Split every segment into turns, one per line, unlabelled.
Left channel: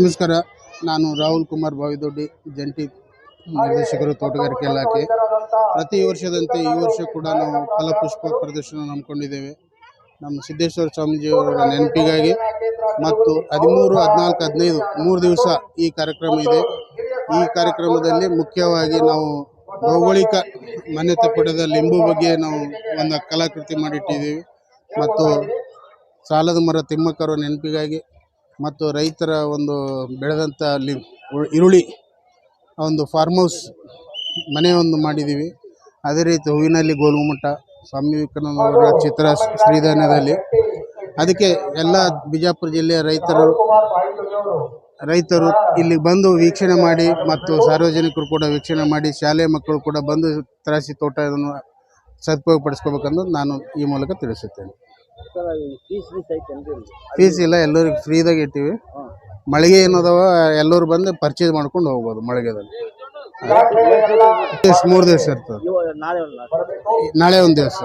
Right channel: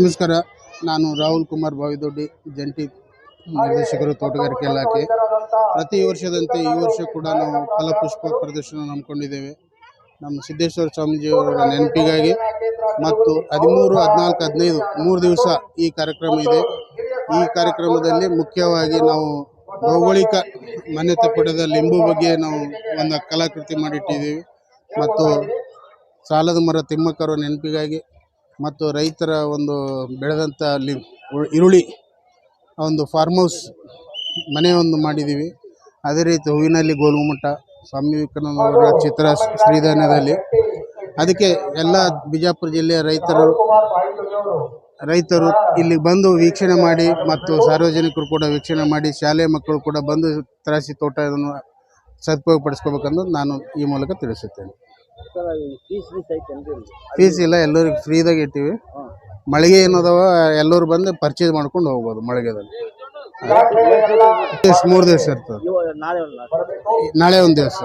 ನಮಸ್ಕಾರ. ನಾನು ರಾಹುಲ್ ಕುಮಾರ್ ಬಾವಿದೊಡ್ಡಿ, ಜಂಟಿ ನಿರ್ದೇಶಕರು ತೋಟಗಾರಿಕೆ ಇಲಾಖೆ. ಪ್ರತಿ ವರ್ಷದಂತೆ ಈ ವರ್ಷ ಕೂಡ ನಾವು ಫಲಪುಷ್ಪ ಪ್ರದರ್ಶನ ಹಮ್ಮಿಕೊಂಡಿದ್ದೇವೆ. ನಮ್ಮ ಸಿದ್ದೇಶ್ವರ ಸ್ವಾಮೀಜಿಯವರ ನೆನಪಿಗಾಗಿ ಮತ್ತು ಹದಿಮೂರು, ಹದಿನಾಲ್ಕು, ಹದಿನೈದು, ಮೂರು ದಿವಸ ಈ ಕಾರ್ಯಕ್ರಮ ಇದೆ. ಈ ಕಾರ್ಯಕ್ರಮದಲ್ಲಿ ಮುಖ್ಯವಾಗಿ ನಾವು ಭೌಗೋಳಿಕ ಮಾನ್ಯತೆ ಪಡೆದ ಲಿಂಬು ಬಗ್ಗೆ ನಾವು ಒಂದು ಕಲಾಕೃತಿ ಮಾಡಿಟ್ಟಿದ್ದೀವಿ. ಮತ್ತು ಸಾಲದ ಮರ ತಿಮ್ಮಕ್ಕರ ನೆನಪಿಗಾಗಿ ಮತ್ತು ರೈತರ ಒಂದು ಬೆಳೆದಂಥ ಅಲ್ಲಿ ಈರುಳ್ಳಿ ಒಂದು ಫಾರ್ಮ್ ಹೌಸ್ ಮನೆ ಒಂದು ಮಾಡಿದ್ದೀವಿ. ಅದೇ ರೀತಿ ಹೂವಿನಲ್ಲಿ ಗೋಲುಗುಮಟ್ಟ ಸ್ವಾಮಿ ವಿವೇಕಾನಂದ ಅವರ ಚಿತ್ರ ಶ್ರೀಧಾನ್ಯದಲ್ಲಿ ಅದಕ್ಕೆ ಎಲ್ಲ ಬಿಜಾಪುರ ಜಿಲ್ಲೆಯ ರೈತರು ರೈತರು ಇಲ್ಲಿ ಬಂದು ವೀಕ್ಷಣೆ ಮಾಡಿ ಮತ್ತು ಸಾರ್ವಜನಿಕರು ಕೂಡ ವೀಕ್ಷಣೆ ಮಾಡಿ ಶಾಲೆ ಮಕ್ಕಳು ಕೂಡ ಬಂದು ತರಾಸಿ ತೋಟವನ್ನು ಸದುಪಯೋಗ ಪಡಿಸ್ಕೋಬೇಕಂದು ನಾನು ಈ ಮೂಲಕ ತಿಳಿಸುತ್ತೇನೆ. ಫೀಸ್ ಇಲ್ಲ ಎಲ್ಲರಿಗೂ ಫ್ರೀದಾಗ ಇಟ್ಟಿವಿ. ಮಳಿಗೆ ಏನದವ ಎಲ್ಲರು ಬಂದು ಪರ್ಚೇಸ್ ಮಾಡ್ಕೊಂಡು ಹೋಗ್ಬೋದು ಮಳಿಗೆದಲ್ಲಿ. ಮೂರ್ ದಿವಸ ಇರ್ತದೆ. ನಾಳೆ ಒಂದು ದಿವಸ.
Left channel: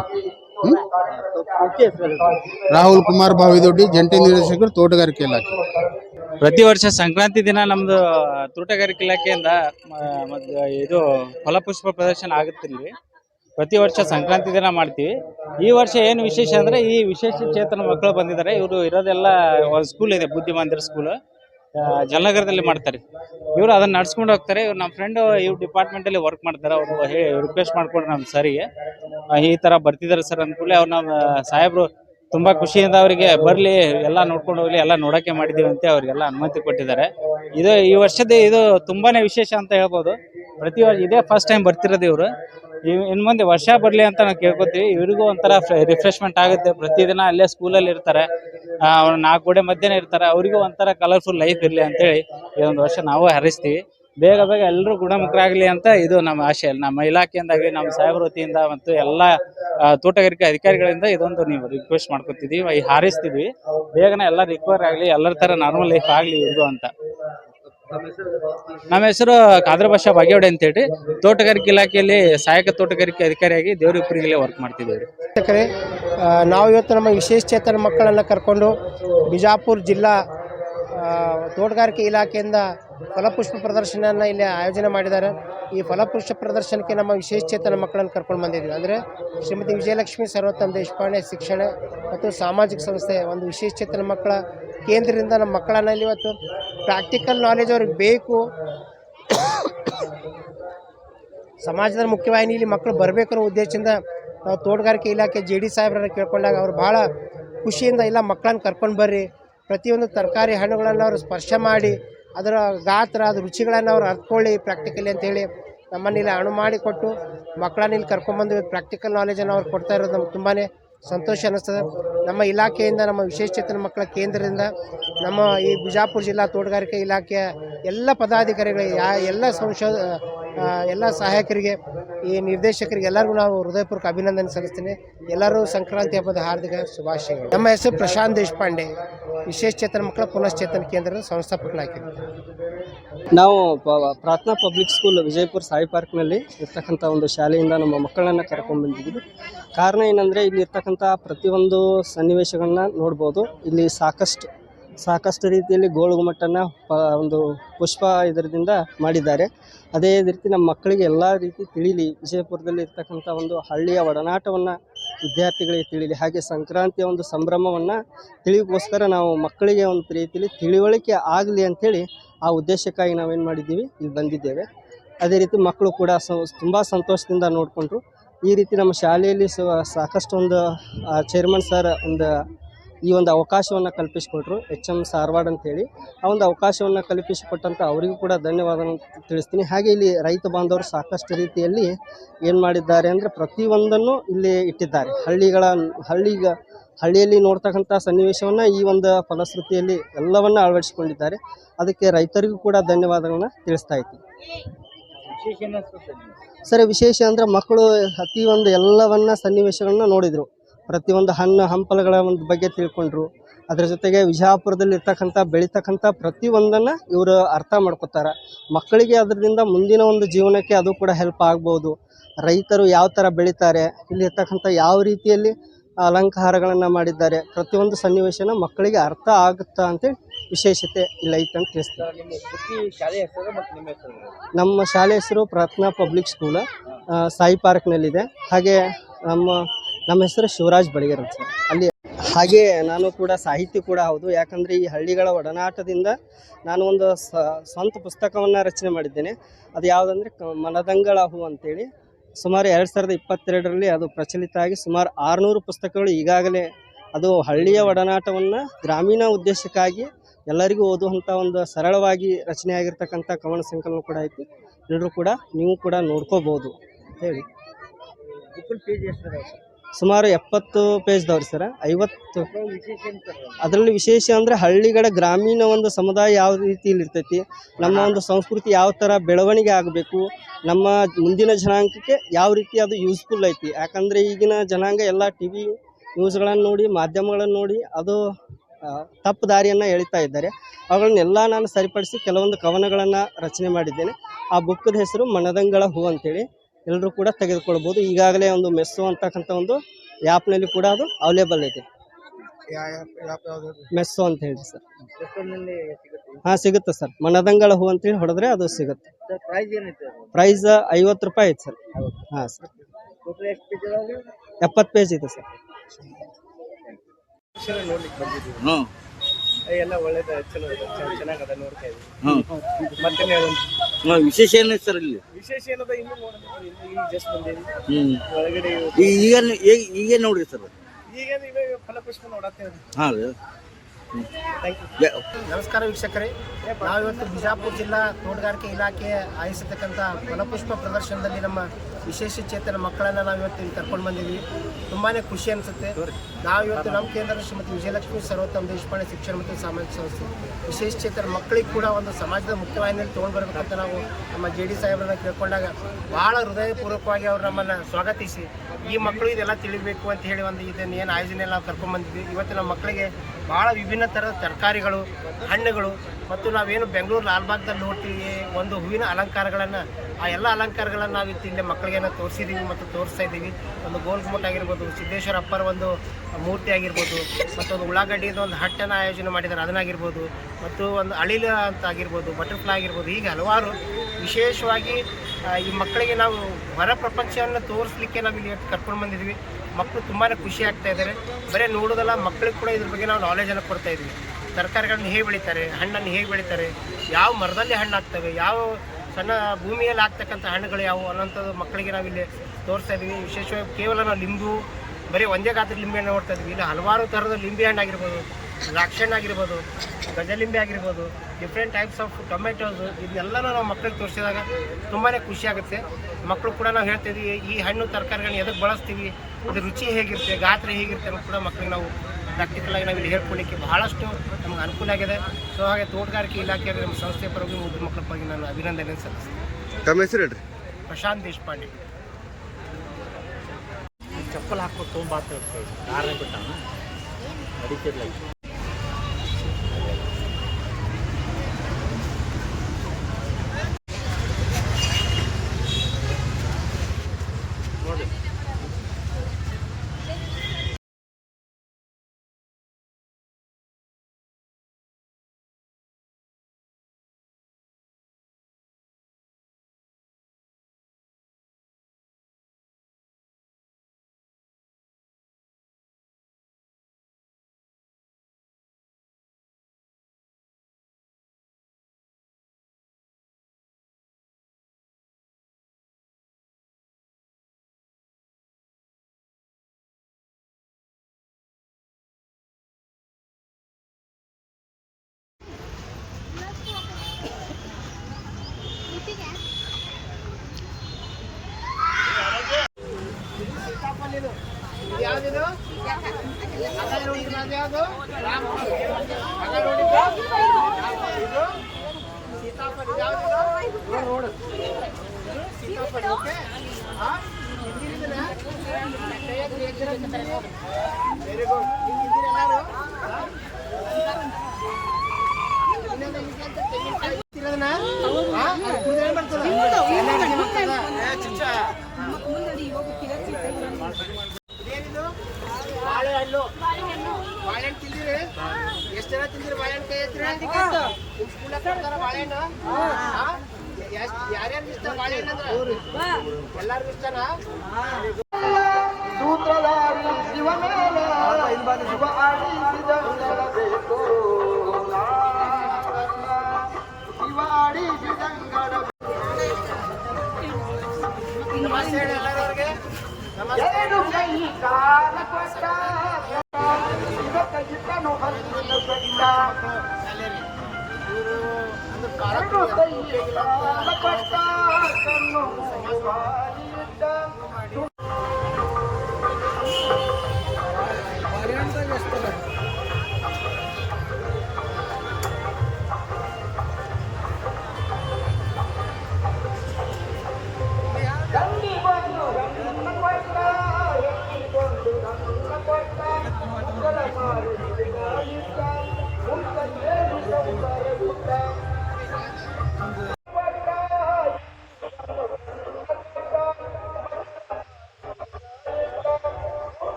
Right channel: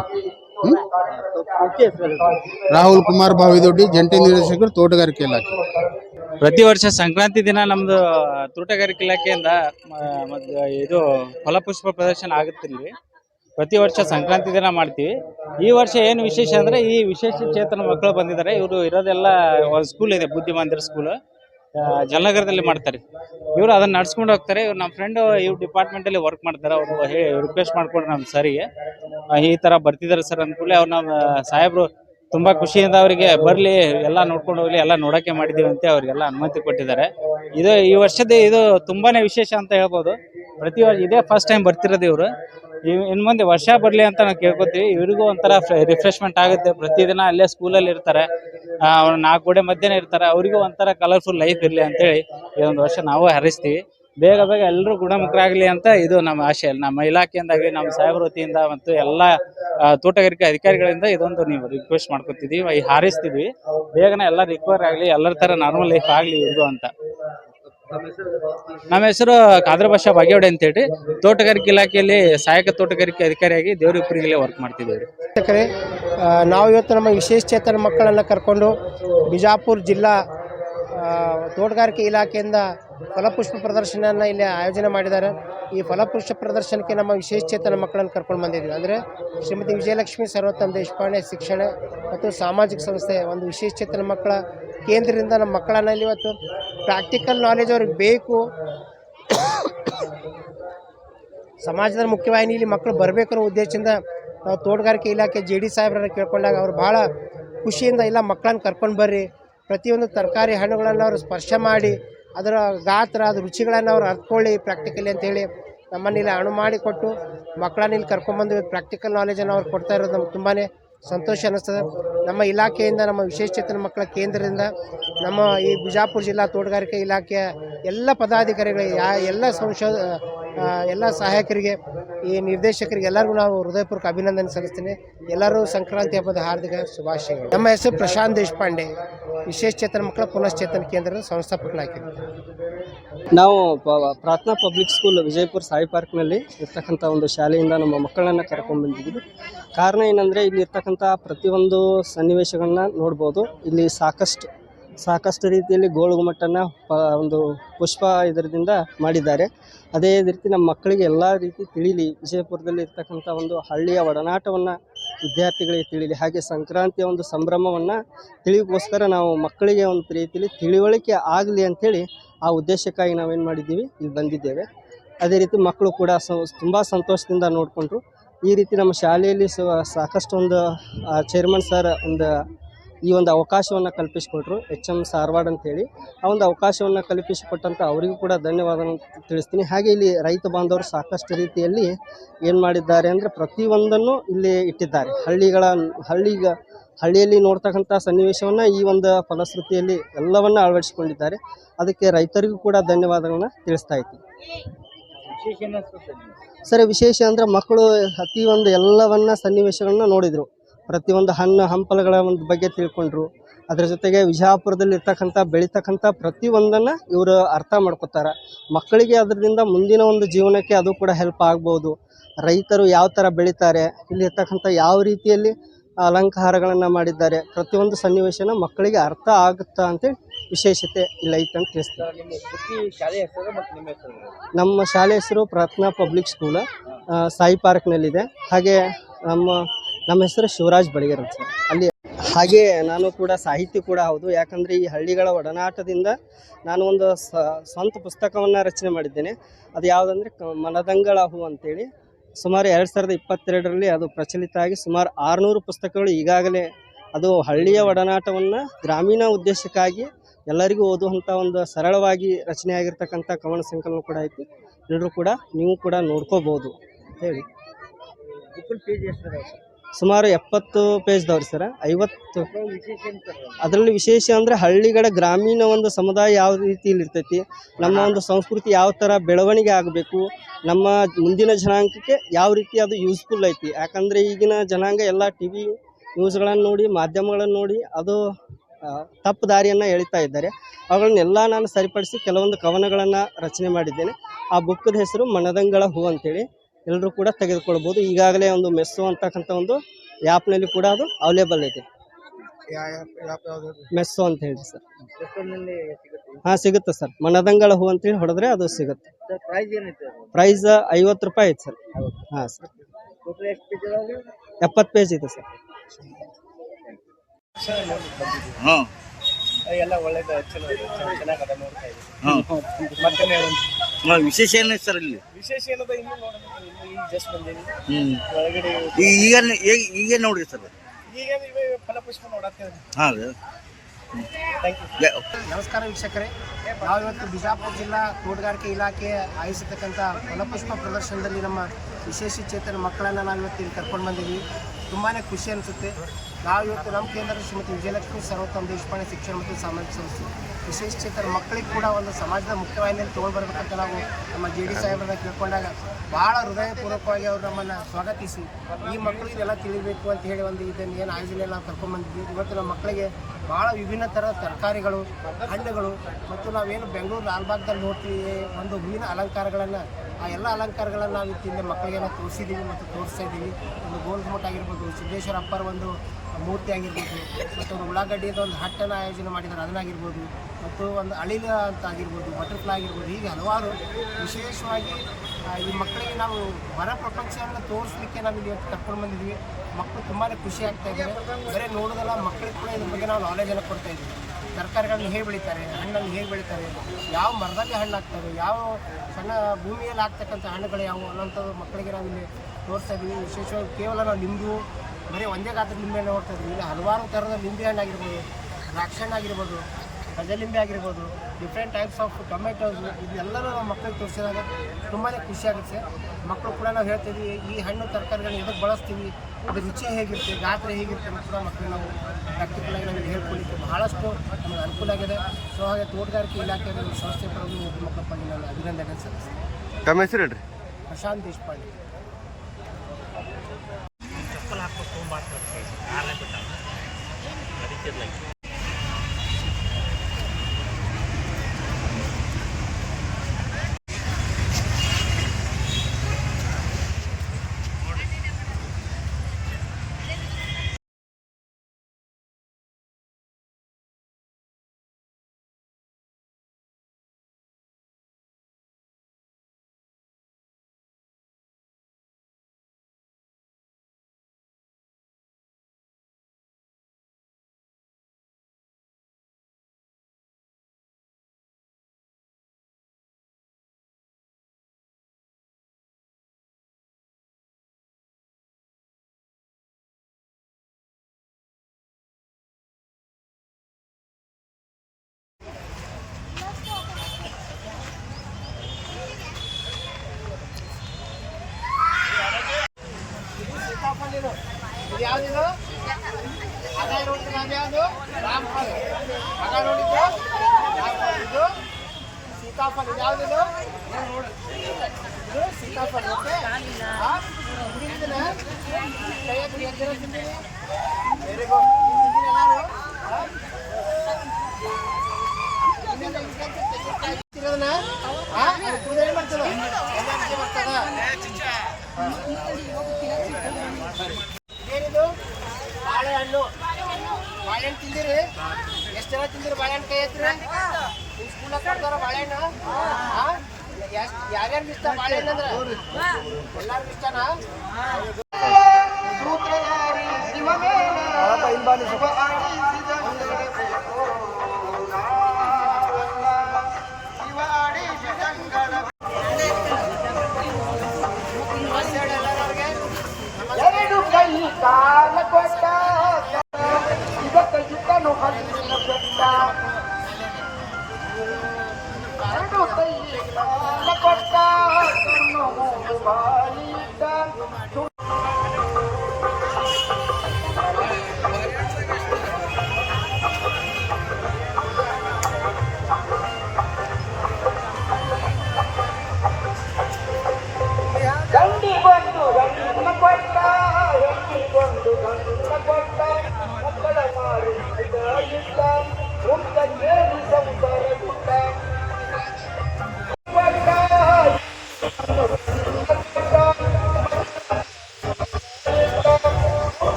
ರಾಹುಲ್ ಕುಮಾರ್ ಬಾವಿದೊಡ್ಡಿ ಜಂಟಿ ನಿರ್ದೇಶಕರು ತೋಟಗಾರಿಕೆ ಇಲಾಖೆ.
ಪ್ರತಿ ವರ್ಷ ಸಂಕ್ರಾಂತಿ ದಿನ ನಮ್ದು ತೋಟಗಾರಿಕೆ ಇಲಾಖೆಯಿಂದ ಇದು ಫಲಪುಷ್ಪ ಪ್ರದರ್ಶನ ಆಗುತ್ತಿಲ್ಲಿ ಪ್ರತಿ ವರ್ಷ ಸಂಕ್ರಾಂತಿ ದಿನ ಮಾಡ್ತೀವಿ. ಈ ವರ್ಷ ಏನು ವಿಶೇಷ ಅಂದ್ರೆ ಈ ವಿಶೇಷ ಚೇತನ ಮಕ್ಕಳು ಬಂದಿದ್ದಾರೆ. ಇವರು ಇರೋದೆಲ್ಲ ಒಂದು ಸ್ಕೂಲ್ ಇದೆ ಬುದ್ಧಿ ಮಂದಿರ ಸ್ಕೂಲ್ ಜಲನಗರದಲ್ಲಿ ಮಾಡ್ತಾರೆ. ಇವರು ಅದನ್ನ ನಡ್ಸ್ಕೊಂಡು ಹೋಗ್ತಾರೆ. ಇವ್ರು ನಮ್ಮ ಫ್ರೆಂಡ್ ಇವ್ರ ಡಿಪಾರ್ಟ್ಮೆಂಟ್ ಅಲ್ಲಿ ವರ್ಕ್ ಮಾಡ್ತಾರೆ. ಅವರು ರಿಕ್ವೆಸ್ಟ್ ಮಾಡ್ಕೊಂಡು ನಮ್ಮ ಸರಿಗೆ ಈ ತರ ಬರ್ತಿದ್ದಾರೆ ಸರ್ ಅಂದ್ಕೂಡಲೇ ಅವ್ರು ನಮ್ಮ ಸಾಹೇಬರು ತುಂಬಾ ಖುಷಿಯಿಂದ ಅವರಿಗೆ ಬರಲಿ, ಎಲ್ಲ ನೋಡ್ಕೊಂಡು ಹೋಗಲಿ, ಎಲ್ಲ ನೋಡಕ್ಕೆ ಮಾಡಿದ್ದೀವಿ ಅಂತ ಅವರಿಗೆಲ್ಲ ಅನುಮತಿ ಕೊಟ್ಟಿದ್ದಾರೆ. ಇದು ಈ ವರ್ಷದ ಇದು ತುಂಬಾನೇ ವಿಶೇಷ ಅಂತ ಹೇಳ್ಬೋದು. ಪ್ರತಿ ಇದೇ ಫಸ್ಟ್ ಟೈಮ್ ಬರ್ತಿರೋದು ಇವರು. ಇನ್ ಮುಂದೆ ವರ್ಷ ಬರ್ಲಿ ಅಂತ ನಾವು ಕೇಳ್ಕೊತೀವಿ. ಇವ್ರಿಗೂ ಒಂಥರ ರಿಫ್ರೆಶ್ಮೆಂಟ್ ಆಗುತ್ತೆ. ಪ್ರತಿದಿನ ಅಲ್ಲೇ ಸ್ಕೂಲಲ್ಲಿ ಇರ್ತಾರೆ. ಆ, ಅವ್ರು ನಾಲ್ಕು ಗೋಡೆ ಮಧ್ಯೆ ಇರ್ತಾರೆ. ಅವರಿಗೂ ಒಂಥರ ಕಲರ್ಫುಲ್ ಲೈಫ್ ಇರಲಿ ಅಂತೇಳಿ ಈ ಒಂದು ವರ್ಷ ನಾವು ಹರಿಸ್ತೀವಿ. ಬೇಗ ಬೇಗ ಎಲ್ಲರೂ ಗುಣಮುಖರಾಗಲಿ ಅಂತ ಇದು ನಮ್ಮ ಆಶಯ ನಮ್ಮ ಇಲಾಖೆಯಿಂದಾಗಲಿ ನಮ್ಮ ಸಾಹೇಬ್ರ ವತಿಯಿಂದ ಮತ್ತು ಎಲ್ಲ ತೋಟಗಾರಿಕೆ ಅಧಿಕಾರಿಗಳಿಂದ ಇದೊಂದು ನೀವು ರಿಕ್ವೆಸ್ಟ್ ಮಾಡ್ಕೊತಿದ್ದೀವಿ. ಹಾರಿಸ್ತೀವಿ. ಬೇಗನೆ ಎಲ್ಲ ರಿಕವರ್ ಆಗಲಿ. ಎಲ್ಲರ ತರ ನಾರ್ಮಲ್ ಲೈಫ್ ಆಗಲಿ ಇದು ಅಂತ. ನಮ್ಮ ಹೆಸರು ಕಾದ್ರ ಭಾಷಾ ಬಾಗೇವಾಡಿ ಅಂತ ಹೇಳಿ ತೋಟಗಾರಿಕೆ ಇಲಾಖೆಯಲ್ಲಿ ಸಹಾಯಕ ತೋಟಗಾರಿಕೆ ಅಧಿಕಾರಿಯಾಗಿ ದೇವರಿಪುರಿಗೆಲ್ಲೇ ವರ್ಕ್ ಮಾಡ್ತಿದ್ದೀವಿ
ವೀಕ್ಷಕರೇ ನಾವು ಇವತ್ತು ನಮ್ಮ ವಿಶೇಷ ಚೇತನ ಮಕ್ಕಳನ್ನು ಕರ್ಕೊಂಡು ಬಿಜಾಪುರ ಜಿಲ್ಲಾ ತೋಟಗಾರಿಕೆ ಇಲಾಖೆಯಿಂದ ಫಲಪುಷ್ಪ ಪ್ರದರ್ಶನವನ್ನು ಇಲ್ಲಿ ಆಯೋಜನೆ ಮಾಡಿದ್ದಾರೆ. ಈ ಫಲಪುಷ್ಪ ಪ್ರದರ್ಶನಕ್ಕೆ ನಮ್ಮ ವಿಶೇಷ ಚೇತನ ಮಕ್ಕಳನ್ನು ಕರ್ಕೊಂಡು ಬಂದಿದ್ವಿ ಅಂದರೆ ಶ್ರೀಮತಿ ವಿಜಯಲಕ್ಷ್ಮಿ ಸರ್ವೋತ್ತಮ ದೇಶಪಾಂಡೆ ಶಿಕ್ಷಣ ಮತ್ತು ಸಾಮಾಜಿಕ ಸಂಸ್ಥೆ ಒಂದು ವಿಶೇಷ ಚೇತನ ಮಕ್ಕಳ ಕೇಂದ್ರದಿಂದ ನಮ್ಮ ಮಕ್ಕಳನ್ನಲ್ಲಿ ಇವತ್ತು ಪ್ರಾಕ್ಟಿಕಲ್ ನಾಲೆಜ್ ಅವ್ರಿಗೆ ಬೇಕು. ಸಮಾಜದ ಮುಖ್ಯವಾಹಿನಿಯಲ್ಲಿ ಮಕ್ಕಳು ಬರಬೇಕು ಅನ್ನೋ ಉದ್ದೇಶದಿಂದ ನಾವು ತೋಟಗಾರಿಕೆ ಇಲಾಖೆ ಜೆ ಡಿ ಸಾಹೇಬ್ರನ್ನ ಕೇಳ್ಕೊಂಡಾಗ ಅವ್ರು ಭಾಳ ಖುಷಿಯಿಂದ ಇಲ್ಲ ಮಕ್ಕಳನ್ನ ಕರ್ಕೊಂಡು ಬರ್ರಿ. ಪ್ರತಿಯೊಂದು ತರಕಾರಿ ಹಣ್ಣುಗಳನ್ನು ಅವರು ಸ್ಪರ್ಶ ಮಾಡಿ, ಅದರ ಗಾತ್ರ, ಅದ್ರ ರುಚಿಗಳನ್ನು ಅವ್ರು ಅರ್ತ್ಕೊಳ್ಳಿ ಪ್ರಾಕ್ಟಿಕಲಿ ಅಂತೇಳಿ ನಮ್ಮನ್ನಿಲ್ಲಿ ಅಣು ಮಾಡಿಕೊಟ್ಟು ಮಕ್ಕಳನ್ನ ಇಲ್ಲಿ ಕರ್ಕೊಂಡ್ಬಂದು ಪ್ರಾಕ್ಟಿಕಲ್ ನಾಲೆಜನ್ನು ಅವ್ರು ಕೊಡ್ತಾ ಇರೋದು ನಮ್ಗೆ ತುಂಬಾ ಸಂತೋಷ ಅನ್ನಿಸ್ತದೆ. ನಮ್ಮ ಇಲಾಖೆಯಿಂದ, ನಮ್ಮ ವಿಶೇಷ ಚೇತನ ಮಕ್ಕಳ ಕೇಂದ್ರದಿಂದ, ನಮ್ಮ ಈ ಬಿಜಾಪುರ ಜಿಲ್ಲಾ ತೋಟಗಾರಿಕೆ ಇಲಾಖೆಯ ಎಲ್ಲ ಪದಾಧಿಕಾರಿಗಳಿಗೆ ಯಾ, ಎಲ್ಲ ಸಂಶೋಧ ಎಲ್ಲ ಸಹಾಯಕರಿಗೆ, ಈ ನಿರ್ದೇಶಕರಿಗೆ ಎಲ್ಲರಿಗೂ ನಾವು ಹೃದಯಪೂರ್ವಕ ಅಭಿನಂದನೆ ಸಲ್ಲಿಸ್ತೀನಿ. ಎಲ್ಲರೂ ಸಂಕ್ರಾಂತಿ ಹಬ್ಬದ ಹಾರ್ದಿಕ ಶುಭಾಶಯಗಳು. ನಮ್ಮ ಹೆಸರು ಪ್ರಶಾಂತ್ ದೇಶಪಾಂಡೆ. ವಿಶೇಷ ಚೇತನ ಮಕ್ಕಳ ಪುನಶ್ಚೇತನ ಕೇಂದ್ರದ ಸಂಸ್ಥಾಪಕನಾಗಿದ್ದೀನಿ
ನಾವು ಪ್ರಾರ್ಥನಾ ಪಬ್ಲಿಕ್ ಸ್ಕೂಲ್ ವಿಜಯಪುರ ಸಾಯಿ ಪಾರ್ಕ್ನಲ್ಲಿ ಇರ್ತಕ್ಕಂಥ ಒಂದು ಶಾಲೆಯಿಂದ ನಮ್ಮ ಮಕ್ಕಳನ್ನು ಕರ್ಕೊಂಡು ಬಂದಿದ್ದೀವಿ. ಕಾರಣ ಏನಂದರೆ ಇಲ್ಲಿ ಇರ್ತಕ್ಕಂಥ ಪ್ರತಿಯೊಂದು ಸನ್ನಿವೇಶಗಳನ್ನ ನೋಡ್ಬೋದು. ಇಲ್ಲಿ ಸಾಕಷ್ಟು ಸಾಕಷ್ಟು ರೀತಿಯಲ್ಲಿ ಗೋಳುಗುಮಟ್ಟನ್ನು ಒಂದು ಪುಷ್ಪ ಇದರದಿಂದ ಮಾಡಿದ್ದಾರೆ. ಅದೇ ರೀತಿ ನಮ್ಮ ಮಕ್ಕಳಿಗೆ ಎಲ್ಲ ರೀತಿ ತಿಳಿಲಿ ವಿಜಯಪುರದಲ್ಲಿ ಇರ್ತಕ್ಕಂಥ ಒಂದು ಹಳ್ಳಿಯ ಒಡನಾಟವನ್ನು ವಿದ್ಯಾರ್ಥಿಗಳಿಗೆ ತಿಳಿಲಿ. ಹಾಗೆ ಸಂಕ್ರಾಂತಿಯ ಒಂದು ಸಂಭ್ರಮವನ್ನು ತಿಳಿಗೋಸ್ಕರ ನಾವು ಮಕ್ಕಳಿಗೆ ಒಂದು ರೀತಿಯಲ್ಲಿ ತಿಳಿವಳಿಕೆ ಆಗಲಿ ಅಂಥೇಳಿ ಆ ಉದ್ದೇಶಕ್ಕಾಗಿ ನಾವೇನು ಮಾಡಿದ್ದೀವಿ, ಇಲ್ಲಿ ಬಂದಿದ್ದೇವೆ. ಅದೇ ರೀತಿ ಮಕ್ಕಳು ಕೂಡ ತುಂಬ ಸಂತೋಷದಿಂದ ನೋಡಿಕೊಂಡ್ರು. ಈ ರೀತಿ ನಮ್ಮ ಶಾಲೆಯಲ್ಲಿ ಸಾಕಷ್ಟು ಒಂದು ಚೇರ್ಮನ್ ಸರ್ ಒಂದು ಈ ಒಂದು ಅವಕಾಶವನ್ನು ಕಲ್ಪಿಸಿಕೊಟ್ರು ಎಚ್ ಎಂ ಸಾರ್ವಾಡ್ ಅಂತೇಳಿ. ಆ ಒಂದು ಅವಕಾಶವನ್ನು ಕಲ್ಪಿಸಿಕೊಟ್ಟಂಥ ಅವರಿಗೂ ಕೂಡ ಧನ್ಯವಾದ ತಿಳಿಸ್ತೀನಿ. ಹಾಗೆ ಇಲ್ಲಿ ರೈತ ಬಾಂಧವರು ಸಾಕಷ್ಟು ರೀತಿಯಲ್ಲಿ ಏನು ಮಾಡಿದ್ದಾರೆ ಅಂದರೆ ಪ್ರತಿಯೊಂದನ್ನು ಇಲ್ಲಿ ಇಟ್ಟಿದ್ದಾರೆ. ಹಳ್ಳಿಗಳ ಹಳ್ಳಿಗ ಹಳ್ಳಿಯಲ್ಲಿ ನೋಡ್ತಕ್ಕಂಥ ಸನ್ನಿವೇಶವನ್ನು ಈ ಒಂದು ಫಲಶ್ರುತಿಯಲ್ಲಿ ಎಲ್ಲವನ್ನು ಅಳವಡಿಸಿಕೊಂಡಿದ್ದಾರೆ. ಅದಕ್ಕೆ ರೈತರಿಗೂ ಕೂಡ ಧನ್ಯವಾದಗಳನ್ನ ತಿಳಿಸ್ತಾ ಇದ್ದೀನಿ. ಸರ್ ವಿಶೇಷ ಅಂದರೆ ಮಕ್ಕಳು ಅತಿ ಒಂದು ಎಲ್ಲವನ್ನ ಸನ್ನಿವೇಶಗಳನ್ನ ನೋಡಿದರು. ಪ್ರತಿಯೊಂದು ಹಣ್ಣು ಹಂಪಲುಗಳ ಒಂದು ಬಗ್ಗೆ ತಿಳ್ಕೊಂಡ್ರು. ಅದರ ಜೊತೆಗೆ ವಿಜಯಪುರದಲ್ಲಿ ಇರ್ತಕ್ಕಂಥ ಬೆಳೀತಕ್ಕಂಥ ಪ್ರತಿಯೊಂದನ್ನು ಇವರು ಅರ್ಥ ಮಾಡ್ಕೊತಾರೆ. ಮಕ್ಕಳಿಗೆ ಅದರಿಂದ ಮುಂದಿನ ಒಂದು ಜೀವನಕ್ಕೆ ಅದು ಕೂಡ ಹೆಲ್ಪ್ ಆಗ್ಬೋದು. ರೈತರು ಯಾವ ಥರ ಬೆಳೀತಾರೆ ಇಲ್ಲಿರ್ತಕ್ಕಂಥ ಯಾವ ರೀತಿಯಲ್ಲಿ ಅಲಂಕಾರಗಳನ್ನು ಮಾಡಿದ್ದಾರೆ ಪ್ರತಿಯೊಂದು ಸನ್ನಿವೇಶನ ಮಕ್ಕಳಿಗೆ ಅರ್ಥ ಆಗುತ್ತಾ ಅಂತೇಳಿ ವಿಶೇಷತೆ ಇಲ್ಲ ಐತೆ ಅಂತ ತಿಳಿಸ್ತಾರೆ
ನಿಮ್ಮ ಶಾಲೆ ಹೆಸರು
ಪ್ರಾರ್ಥನಾ ಪಬ್ಲಿಕ್ ಸ್ಕೂಲ್ ಸಾಯಿ ಪಾರ್ಕ್ನಲ್ಲಿದೆ. ಹಾಗೆ ನಮ್ಮ ನಮ್ಮ ಹೆಸರು ಶಿವರಾಜ್ ಬಳಿಗರ್ ಅಂತ. ಸರ್ ಅಲ್ಲಿ ಹಾಗೆ ನಾನು ಕೂಡ ಸಾಹಿತ್ಯ ಕೂಡ ಹೌದು. ಯಾಕಂದರೆ ಈ ಹಳ್ಳಿಗಳ ಒಡನಾಟದಿಂದ ನಾನು ಒಂದು ಸ್ವಂತ ಪುಸ್ತಕವನ್ನು ರಚನೆ ಮಾಡಿದ್ದೇನೆ. ಅದು ಯಾವುದಂದರೆ ಮನದಂಗಳ ಹೂ ಅಂತೇಳಿ. ಸುಮಾರು ಎರಡು ಸಾವಿರದ ಇಪ್ಪತ್ತೆರಡರಲ್ಲಿ ಅದು ಪ್ರಚಲಿತ ಆಗಿ ಸುಮಾರು ಆರುನೂರು ಪುಸ್ತಕಗಳು ಈಗಾಗಲೇ ಅದು ಹಳ್ಳಿಯ ಒಡನಾಟವನ್ನು ಗ್ರಾಮೀಣ ಉದ್ದೇಶಕ್ಕಾಗಿ ಎಲ್ಲರಿಗೂ ಓದುವಂಥ ಒಂದು ಸರಳವಾಗಿ ರಚನೆ ಆಗಿರ್ತಕ್ಕಂಥ ಕವನ ಸಂಕಲನ ಕೂಡ ಐತಿ. ಎಲ್ಲರೂ ಕೂಡ ನೀವು ಕೂಡ ನೋಡ್ಕೋಬೋದು ಹೇಳಿ. ಸುಮಾರು ಎಪ್ಪತ್ತು ಪೇಜ್ದವ್ರಿ ಸರ್ ಐವತ್ತು. ಅದರಲ್ಲಿ ವಿಶೇಷ ಅಂದರೆ ಹಳ್ಳಿಗಳ ಗ್ರಾಮೀಣ ಒಂದು ಸಮುದಾಯ ಯಾವ ರೀತಿಯಲ್ಲಿ ಇರ್ತೈತಿ, ನಮ್ಮ ಒಂದು ಸಂಸ್ಕೃತಿ ಯಾವ ಥರ ಬೆಳವಣಿಗೆ ಆಗಬೇಕು, ನಮ್ಮ ಮುಂದಿನ ಜನಾಂಗಕ್ಕೆ ಯಾವ ರೀತಿ ಅದು ಯೂಸ್ಫುಲ್ ಐತಿ. ಯಾಕಂದರೆ ಈಗಿನ ಜನಾಂಗ ಎಲ್ಲ ಟಿ ವಿ ನ್ಯೂಸ್ಗಳನ್ನು ನೋಡಿ, ಮಾಧ್ಯಮಗಳನ್ನು ನೋಡಿ ಅದು ತಪ್ಪು ದಾರಿಯನ್ನು ಎಳಿತಾ ಇದ್ದಾರೆ. ಅವುಗಳನ್ನೆಲ್ಲ ನಾನು ಸರಿಪಡಿಸಿ ಕೆಲವೊಂದು ಕವನಗಳನ್ನು ರಚನೆ ಮಾಡಿದ್ದೇನೆ. ಆ ಬುಕ್ಕದ ಹೆಸರು ಮನದಂಗಳ ಹೂ ಅಂತೇಳಿ. ಎಲ್ಲರೂ ಕೂಡ ತೆಗೆದುಕೊಳ್ಬೋದು. ಈಗಾಗಲೇ ಒಂದು ಮೆಸ್ಸು ಅಂತಕ್ಕಂಥ ಒಂದು ಆ್ಯಪ್ನಲ್ಲಿ ಕೂಡ ಅದು ಅವೈಲೇಬಲ್ ಐತೆ ಮೆಸ್ಸು ಅಂತ ಹೇಳಿ ಸರ್. ಹಾಂ ಸಿಗುತ್ತೆ ಸರ್. ಮನದಂಗಳ ಹೂ ಅಂತೇಳಿ ಹೊಡೆದ್ರೆ ಅದು ಸಿಗುತ್ತೆ.
ಸರ್ ಪ್ರೈಸ್
ಐವತ್ತು ರೂಪಾಯಿ ಐತೆ ಸರ್. ಹಾಂ ಸರ್. ಎಪ್ಪತ್ತು ಪೇಜ್ ಇದೆ ಸರ್
ಅಕ್ಷರ ನೋಡ್ಲಿಕ್ಕೆ ಬಂದಿದ್ದೀವಿ
ಹಾಂ
ಎಲ್ಲ ಒಳ್ಳೇದು ಚಲೋ ಇದೆ. ಚೆನ್ನಾಗದ ನೋಡ್ತಾ
ಇದ್ದೀವಿ
ಮತ್ತೆ ಹೇಳೋಣ
ವಿಶೇಷ ಏನೈತೆ ಸರ್ ಇಲ್ಲಿ?
ವಿಶೇಷ ಏನದ ಇನ್ನು ನೋಡೋದಕ್ಕೆ ಇನ್ನು ಈಗ ಜಸ್ಟ್ ಬಂದೇವಿ. ಒಳಗಡೆ
ಈಗ ಈಗ ಈಗ ನೋಡ್ರಿ ಸರ್?
ಈಗ ನೀವೇ ಫಲಪುಷ್ಪ ನೋಡತ್ತೇವೆ.
ಹಾಂ ರೀ.
ಥ್ಯಾಂಕ್ ಯು
ನಮಸ್ಕಾರ ವೀಕ್ಷಕರೇ. ನಾವು ಇವತ್ತು ಬಿಜಾಪುರ ಜಿಲ್ಲಾ ತೋಟಗಾರಿಕೆ ಇಲಾಖೆ ಆಯೋಜಿಸತಕ್ಕಂಥ ಫಲಪುಷ್ಪ ಪ್ರದರ್ಶನದಲ್ಲಿ ನಮ್ಮ ವಿಶೇಷ ಚೇತನ ಮಕ್ಕಳನ್ನು ನಾವು ಇವತ್ತು ಇಲ್ಲಿ ಕರ್ಕೊಂಡು ಬಂದಿದ್ದೀವಿ ತುಂಬಾ ಖುಷಿ ಅನಿಸುತ್ತೆ. ನಾವು ಇವತ್ತು ನಮ್ಮ ಕೇಂದ್ರ ಶ್ರೀಮತಿ ವಿಜಯಲಕ್ಷ್ಮಿ ಸರ್ವೋತ್ತಮ ದೇಶಪಾಂಡೆ ಶಿಕ್ಷಣ ಮತ್ತು ಸಾಮಾಜಿಕ ಸಂಸ್ಥೆ, ವಿಶೇಷ ಚೇತನ ಮಕ್ಕಳಿಗೆ ಕೂಡ ಒಂದು ಸಮಾಜದ ಮುಖ್ಯವಾಹಿನಿಯಲ್ಲಿ ತೊಗೊಂಡು ಬರ್ಬೇಕಂತ ನಾವು ನಮ್ಮ ಜೆ ಡಿ ಸಾಹೇಬರನ್ನ ಕೇಳ್ಕೊಂಡಾಗ ಭಾಳ ಹೃದಯಪೂರ್ವಕವಾಗಿ ಅವರು ನಮ್ಮನ್ನು ಸ್ವಾಗತಿಸಿ, ಈ ಮಕ್ಕಳು ಇದೆಲ್ಲ ತಿಳಿಬೇಕು ಅಂತ ಹೇಳಿ ಒಂದು ಇದನ್ನು ಏನು ಆಯೋಜನೆ ನಾವು ಕರ್ಕೊಂಡ್ಬಂದಿದ್ವಿ. ಇವತ್ತು ನಮ್ಮ ಮಕ್ಕಳಿಗೆ ಭಾಳ ವಿಭಿನ್ನ ಥರದ ತರಕಾರಿಗಳು, ಹಣ್ಣುಗಳು ಮತ್ತು ನಾವೇನು ಬೆಂಗಳೂರು ಲಾಲ್ಬಾಗ್ದಲ್ಲಿ ನೋಡ್ತೀವಿ, ಒಂದು ಹೂವಿನ ಅಲಂಕಾರಗಳನ್ನು ಆ ಎಲ್ಲ ಅಲಂಕಾರಗಳನ್ನು ನಾವು ಹಿಂದೆ ಮಕ್ಕಳಿಗೆ ನಾವು ತೋರಿಸಿದ್ದೀವಿ ಮತ್ತು ತೋರಿಸ್ತಾ ಇದ್ದೀವಿ. ಒಂದು ಗೋಲ್ ಗುಮ್ಮಟ್ ಆಗಿರ್ಬೋದು, ಸಿದ್ದೇಶ್ವರ ಅಪ್ಪರ ಒಂದು ಮೂರ್ತಿ ಆಗಿರ್ಬೋದು, ಮತ್ತು ಒಂದು ಉಳ್ಳಾಗಡ್ಡಿಯಿಂದ ಒಂದು ಹಟ್ಟನ್ನು ಆಯೋಜನೆ ಮಾಡಿದ್ದಾರೆ, ಅದನ್ನಾಗಿರ್ಬೋದು, ಮತ್ತು ಒಂದು ಅಳಿಲ ಅಂತ ಆಗಿರ್ಬೋದು ಬಟರ್ಫ್ಲೈ ಆಗಿರ್ಬೋದು, ಹೀಗೆ ಹಲವಾರು ವಿಶೇಷವಾಗಿ ಈ ಮಕ್ಕಳಿಗೆ ನಾವು ಹೊರ ಪ್ರಪಂಚವನ್ನು ತೋರಿಸ್ಲಿಕ್ಕೆ ನಾವು ಇಲ್ಲಿ ಕರ್ಕೊಂಡು ಬಂದಿದ್ದೀವಿ. ಮಕ್ಕಳು ತುಂಬಾ ಖುಷಿ ಆಗ್ತಾ ಇದ್ದಾರೆ. ಬರೀ ನೋಡೋದಲ್ಲ ಮಕ್ಕಳಿಗೆ ಕೂಡ ಇದ್ರ ಬಗ್ಗೆ ನಾವು ನಾಲೆಜನ್ನು ಕೊಡ್ತಾ ಇದ್ವಿ ತರಕಾರಿಗಳನ್ನ ಹೇಗೆ ಬೆಳಿತಾರೆ, ಹಣ್ಣನ್ನು ಹೇಗೆ ಬೆಳಿತಾರೆ, ಯಾವ ಮರದಲ್ಲಿ ಹಣ್ಣಾಗ್ತವೆ, ಯಾವ ಸಣ್ಣ ಭೂಮಿಯಲ್ಲಿ ಆಗ್ತಕ್ಕಂಥ ಹಣ್ಣುಗಳು ಯಾವುವು ಅನ್ನೋಂಥದ್ದು ಮಕ್ಕಳಿಗೆ ನಾವು ಇಲ್ಲಿ ತೋರಿಸ್ತಾ ಇದ್ದೀವಿ. ವಿಶೇಷವಾಗಿ ಕೇವಲ ನಾವು ಲಿಂಬು, ಬರೀ ಒಂದೇ ಗಾತ್ರದ ಲಿಂಬೆ ಹಣ್ಣು ನೋಡ್ತಾ ಇದ್ವಿ ಇಲ್ಲಿ, ಹಲವಾರು ಥರದ ಲಿಂಬೆ ಹಣ್ಣು ಆಗಿರ್ಬೋದು, ದ್ರಾಕ್ಷಿ ಹಣ್ಣು ಆಗಿರ್ಬೋದು, ಗಜಲಿಂಬೆ ಆಗಿರ್ಬೋದು ಡಿಫ್ರೆಂಟ್ ಟೈಪ್ಸ್ ಆಫ್ ಟೊಮೆಟೋಸು ಇದನ್ನೆಲ್ಲ ನಾವು ಮಕ್ಕಳಿಗೆ ತೋರಿಸಿದಾಗ ತುಂಬಾ ಖುಷಿ ಆಗುತ್ತೆ. ಮಕ್ಕಳು ಕೂಡ ನಾವು ಹೇಳ್ತಿದ್ವಿ ಈ ಹಣ್ಣು ತರಕಾರಿಗಳನ್ನ ಎದಕ್ಕೆ ಬಳಸ್ತೀವಿ, ಅದು ರುಚಿ ಹೇಗಿರುತ್ತೆ, ಗಾತ್ರ ಹೇಗಿರುತ್ತೆ ಅನ್ನೋದು ಕೂಡ ಮಕ್ಕಳಿಗೆ ನಾವು ಪ್ರಾಕ್ಟಿಕಲ್ ಆಗಿ ನಾವು ಇಲ್ಲಿ ಹೇಳ್ಕೊಳ್ಳಿಕ್ಕೆ ಬಹಳಷ್ಟು ನಮ್ಗೆ ಅನುಕೂಲ ಆಗಿದೆ. ಸೊ ಹಾಗೆ ತೋಟಗಾರಿಕೆ ಇಲಾಖೆ ನಮ್ಮ ಸಂಸ್ಥೆ ಪರವಾಗಿ ಮುದ್ದು ಮಕ್ಕಳ ಪರವಾಗಿ ನಾನು ಅಭಿನಂದನೆ ಸಲ್ಲಿಸ್ತೀನಿ.
ತಮ್ಮ ಹೆಸರು ಹೇಳ್ರಿ.
ಪ್ರಶಾಂತ್ ದೇಶಪಾಂಡೆ. ಚಪ್ಪಲ್ ಹಾಕ್ಬಿಟ್ಟು ತುಂಬ ಯಾವ್ದಿದು ಅಗ ನೋಡಿದ್ರೆ ಅದ್ಯಾವುದು ರಾಮಫಲ ಅಗ ನೋಡಿದ್ದು. ಇದು ಸೀತಾಫಲ ಯಾವ್ದಿದು? ನೋಡು. ಸೀತಾಫಲ ಓಕೆ? ಕೈಯಲ್ಲಿ ವೆರಿ ಗುಡ್ ಎಲ್ಲರೂ ತೆಂಗಿನಕಾಯಿ? ಅದು ಕುಡ್ದ್ರೆ ಏನ್? ಎನರ್ಜಿ ಬರ್ತದ? ಹಾ. ಇದೇನಿದು ಬಾಳೆಹಣ್ಣು ಬಾಳೆಹಣ್ಣು ತಿಂದಿರಿ? ಎಷ್ಟು ಜನ ತಿಂದಿರಿ ಬಾಳೆಹಣ್ಣು ಕೈ ಐತ್ರಿ ನಿಮ್ ಸ್ಕೂಲಾಗ ಕೊಡ್ತಾರ ಬಾಳೆಹಣ್ಣು? ಎಷ್ಟ್ ಇಷ್ಟ ಬಾಳೆಹಣ್ಣು ಅಂದ್ರೆ? ಎಲ್ಲಾರ್ಗು ಇಷ್ಟನಾ? تو کي لئي مڪتا تون و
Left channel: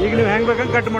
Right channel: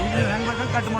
ಈಗ ನೀವು ಹೆಂಗ್ ಬೇಕಂಗೆ ಕಟ್ ಮಾಡಿ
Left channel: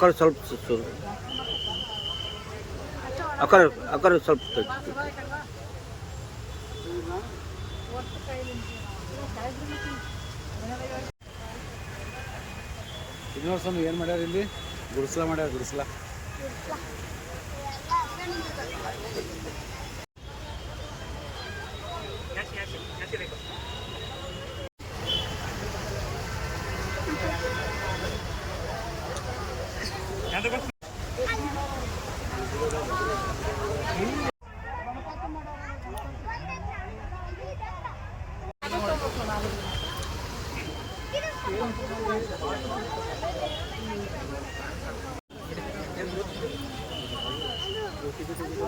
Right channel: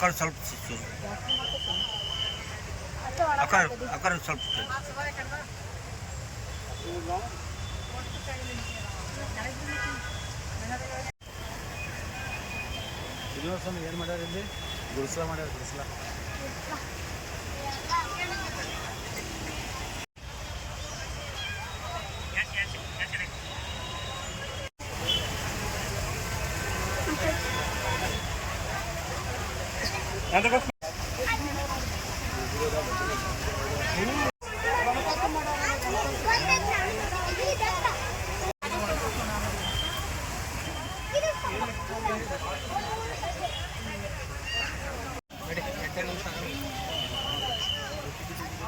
ಕಡೆ ಸ್ವಲ್ಪ ಸು- ಸು- ಆ ಕಡೆ ಆ ಕಡೆ ಸ್ವಲ್ಪ
ಸ್ವಾಮಿ ಏನು ಮಾಡ್ಯಾರ ಇಲ್ಲಿ? ಗುಡಿಸಲ ಮಾಡ್ಯಾರ, ಗುಡಿಸಲ.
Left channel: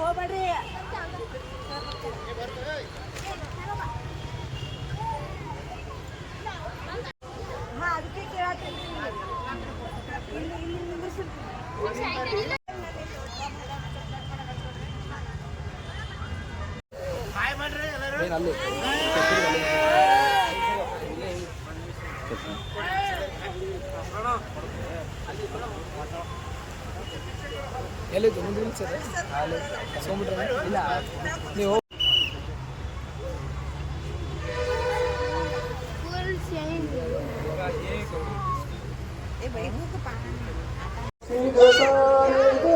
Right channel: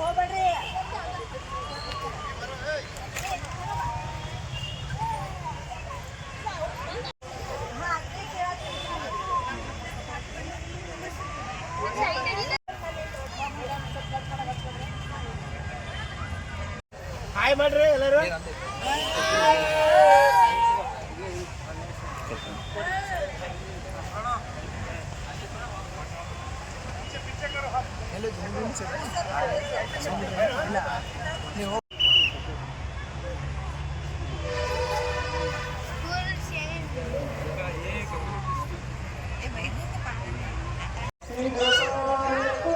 ಹೋಗ್ಬೇಡ್ರಿ. ಹಾ ಅದಕ್ಕೆ ಕೇಳತ್ತೀನಿ
ಹಾಯ್ ಮಾಡ್ರಿ ಎಲ್ಲರೂ?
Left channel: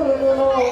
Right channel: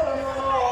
の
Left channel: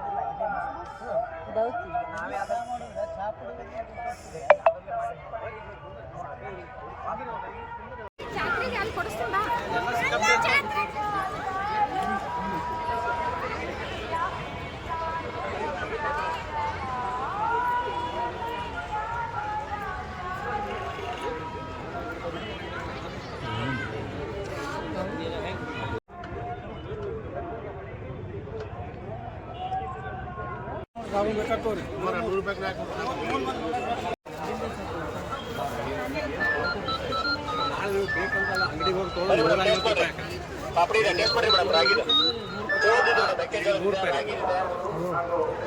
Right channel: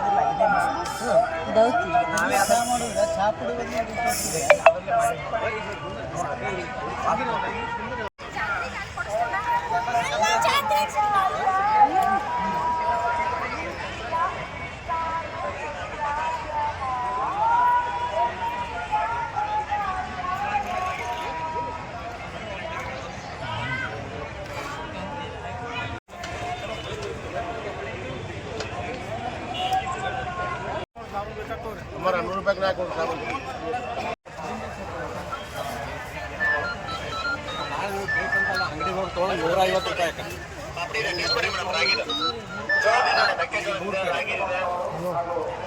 ಬೇಕಂತಲ್ಲ ಅಂಗಡಿಗೆ ಹೋಗಿ ತೊಗೊಂಡು ನೂರ ಐವತ್ತು ರೂಪಾಯಿ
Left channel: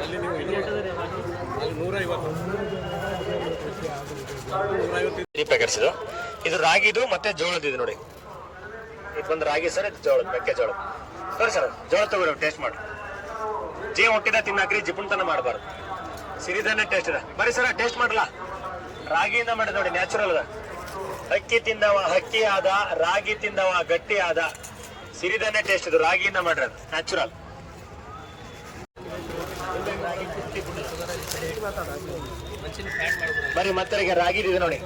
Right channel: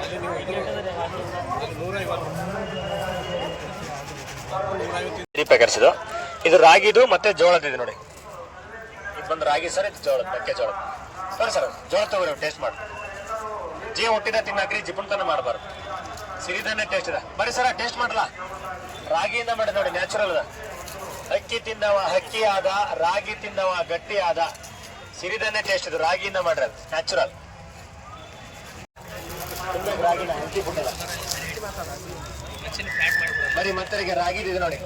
ಅಲ್ಲಿ ನೀವು ಇದು ಅಲ್ಲಿ ನೂರ ಐವತ್ತು ನೂರ
ಪ್ಯಾಕೆಟ್ಸ್ ಇದು ಇದು ರಾಗಿದು ಮತ್ತೆ ಜೋಳದ ಇದು ನೋಡಿ. ಇದು ಬಂದು ರಾಗಿ ಸರ್, ಇದು ಜೋಳದ ಮೆಕ್ಕೆಜೋಳದ ಸರಿ ಸರ್ ಜೋಳ ತಗೋರಿ ಟೇಸ್ಟ್ ಮಾಡಿ ಜೀವ ಹೊಟ್ಟಿನ ತಿನ್ನಾಕ್ರಿ, ಜಿಪುಣ್ತನ ಮಾಡಬಾರ್ದು. ಸಿರಿಧಾನ್ಯ ಟೇಸ್ಟ್ ಇದೆ. ಬರೀ ಸರ ಟೇಸ್ಟ್ ಮಾಡಲ್ಲ ರಾಗಿಯಿಂದ ಮಾಡಿದ ನೋಡಿ ನ್ಯಾಚುರಲ್ ಅದ ಅಕ್ಕಿ ತಿಂದವ ಹಕ್ಕಿ ಆದ, ರಾಗಿ ತಿಂದವ ಗಟ್ಟಿ ಆದ, ಸಿರಿಧಾನ್ಯ ಟೇಸ್ಟ್ ಇದು. ರಾಗಿಯಿಂದ ಮಾಡಿರೋದು ನ್ಯಾಚುರಲ್ ಬರೀ ಮತ್ತೆ ರಾಗಿ ಇದೆ ನೋಡಿ.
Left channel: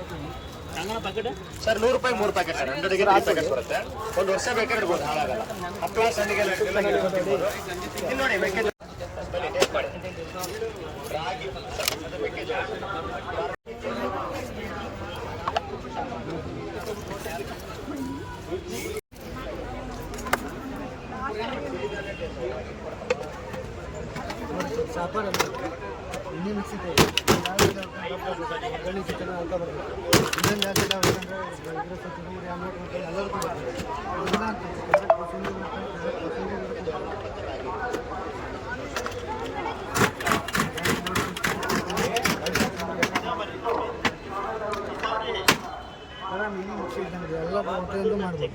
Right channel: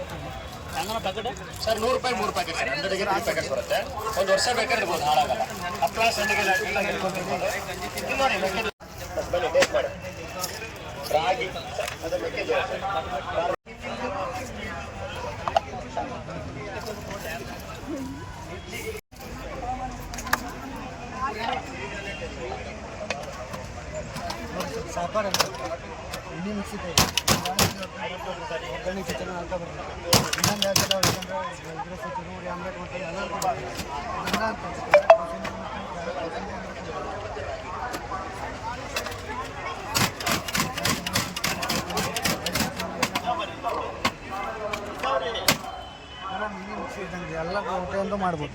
ಸರ್, ನೂರು ರೂಪಾಯಿ, ಮೂರು ಪ್ಯಾಕೆಟ್ ಸರ್. ಹಂಡ್ರೆಡ್ಗೆ ತ್ರೀ ಪ್ಯಾಕೆಟ್ ಬರುತ್ತೆ. ಒಂದು ವರ್ಷ ಬೇಕಾದ್ರೆ ಇರ್ಬೋದು ಹಾಳಾಗಲ್ಲ. ಹಪ್ಪಳ ಸಂಡಿಗೆ ಹಿಡ್ಕೊಂಡು ತಿನ್ಬೋದು. ನೋಡಿ, ಮೆಕ್ಕೆಜೋಳ ಬನ್ನಿ ಟೇಸ್ಟ್ ಮಾಡಿ ರಾಗಿ ಅದು ಮೆಕ್ಕೆಜೋಳ
ಸಾಪಾಡು ಎಣ್ಣೆ ಮಿಕ್ಸಿದೆ ಒಗ್ಗರಣೆ ಚಿಕನ್ ಅಂತ ಬರ್ತದೆ ಇನ್ನೊಂದು ಯಾಕೆಲ್ಲ ಯಾಕಂದ್ರೆ ಇದ್ರ ಸ್ವಲ್ಪ ನೂರು ಆಮ್ಲೆಟ್ ಮಾಡ್ತಾರೆ ಎಲ್ಲರಿಗೂ ಬರ್ತದೆ ಇದನ್ನ ಅಂತ ಕೋಸಂಬರಿ ಮಾಡ್ತಾರೆ, ಕೋಸಂಬರಿ ಆರಾಮ್ ಎಣ್ಣೆ ಮಿಕ್ಸಿ ಇದ್ದಂಗೆ ಎಲ್ಲ ಪ್ರತಿಯೊಂದು ಮಾಡ್ಬೋದು.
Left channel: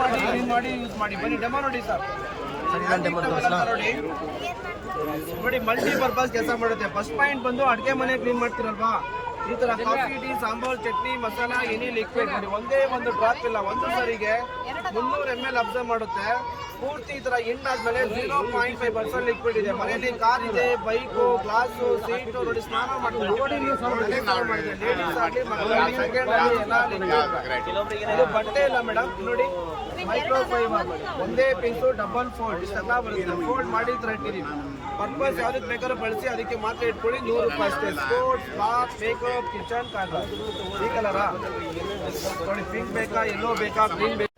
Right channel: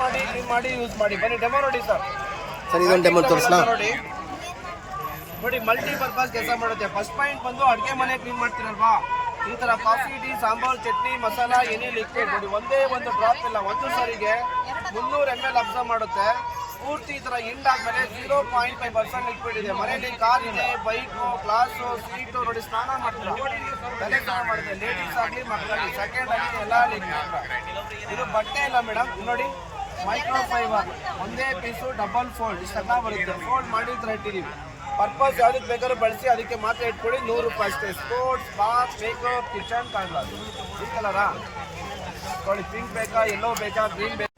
ಮಾಡಿ ಕ್ಲೀನ್ ಮಾಡಿ ಯೂಸ್ ಮಾಡಿ. ಬನ್ನಿ ಡೆಮೋ ನೋಡಿ ಸರ್.
ಸರ್ ಇದೊಂದು ಡೆಮೋ ತೋರಿಸ್ಲಾ?
ನೋಡಿ. ನೋಡಿ ಮಲ್ಟಿ ಪರ್ಪಸ್ ಕೆಲಸ ಮಾಡುತ್ತೆ. ಫಸ್ಟ್ ಪಾಯಿಂಟ್ ಬಂದು ಅಡುಗೆ ಮನೆ ಕ್ಲೀನ್ ಮಾಡ್ತೀರಲ್ವಾ? ಈ ತರ ಕಾಫಿ, ಟೀ, ಸಾಂಬಾರ್, ಚಟ್ನಿ, ಮಸಾಲ, ಏನೇ ಲಿಕ್ವಿಡ್ ನೋಡಿ, ಒಂದೇ ಒಂದು ಡ್ರಾಪ್ ಇಲ್ಲ, ಒಂದು ಸರಿಗೆ ಮುನ್ನೂರು ಎಂ ಎಲ್ ಅಬ್ಸರ್ವ್ ಮಾಡುತ್ತೆ. ಪೂರ್ತಿ ಈ ತರ ಇಂಟ್ ಆದ್ಮೇಲೆ zero point five percent liquid ಇದೆ. ಮನೆಯಲ್ಲಿ ಕಾರ್ ಇದೆ ಬೈಕು ಗ್ಲಾಸು ಸೀಟು ನೋಡಿ ಸ್ನಾನ ಮಾಡ್ತೀವಿ ಮನೆ ಸ್ನಾನ ಮಾಡಿದ್ರೆ ಲೇಡೀಸ್ ಆಗಲಿ, ಮಕ್ಕಳಾಗಲಿ ಸೆಕೆಂಡ್ ಆಗಲಿ ಎಲ್ಲ ಲಿಕ್ವಿಡ್ ಇದು ಬಟ್ಟೆ ಇಲ್ಲ ಮೇಡಮ್ ನೋಡಿ ಮೈಕ್ರೋ ಫೈಬರ್ ಒಂದೇ ಪೀಸು ಡಬಲ್ ಫೋಲ್ಡ್ ಇಷ್ಟೆಲ್ಲ ಬರುತ್ತೆ. ಫೋಲ್ಡ್ ಮಾಡಿ ಈ ಥರ ಪರ್ಪಸ್ ಯಾವ್ದಕ್ಕೆ ಬೇಕಾದ್ರೂ ಬಳಸಿ, ಅದಕ್ಕೆ ಮಾತ್ರ ಇಟ್ಕೊಳ್ಳಿ. ನೂರು ರೂಪಾಯಿ ಅಷ್ಟೇ. ಸ್ಪೋರ್ಟ್ಸ್ ಬಾಕ್ಸ್ ಮೇಕಪ್ ಕಿಚನ್ ಕಾಣ್ಬಾರ್ದು ಈ ಕಲರಾ ನೋಡಿ ಪಿಂಕ್ ಬೇಕಾ ಎಲ್ಲೋ ಬೇಕಾ ಗ್ರೀನ್ ಬೇಕಾ?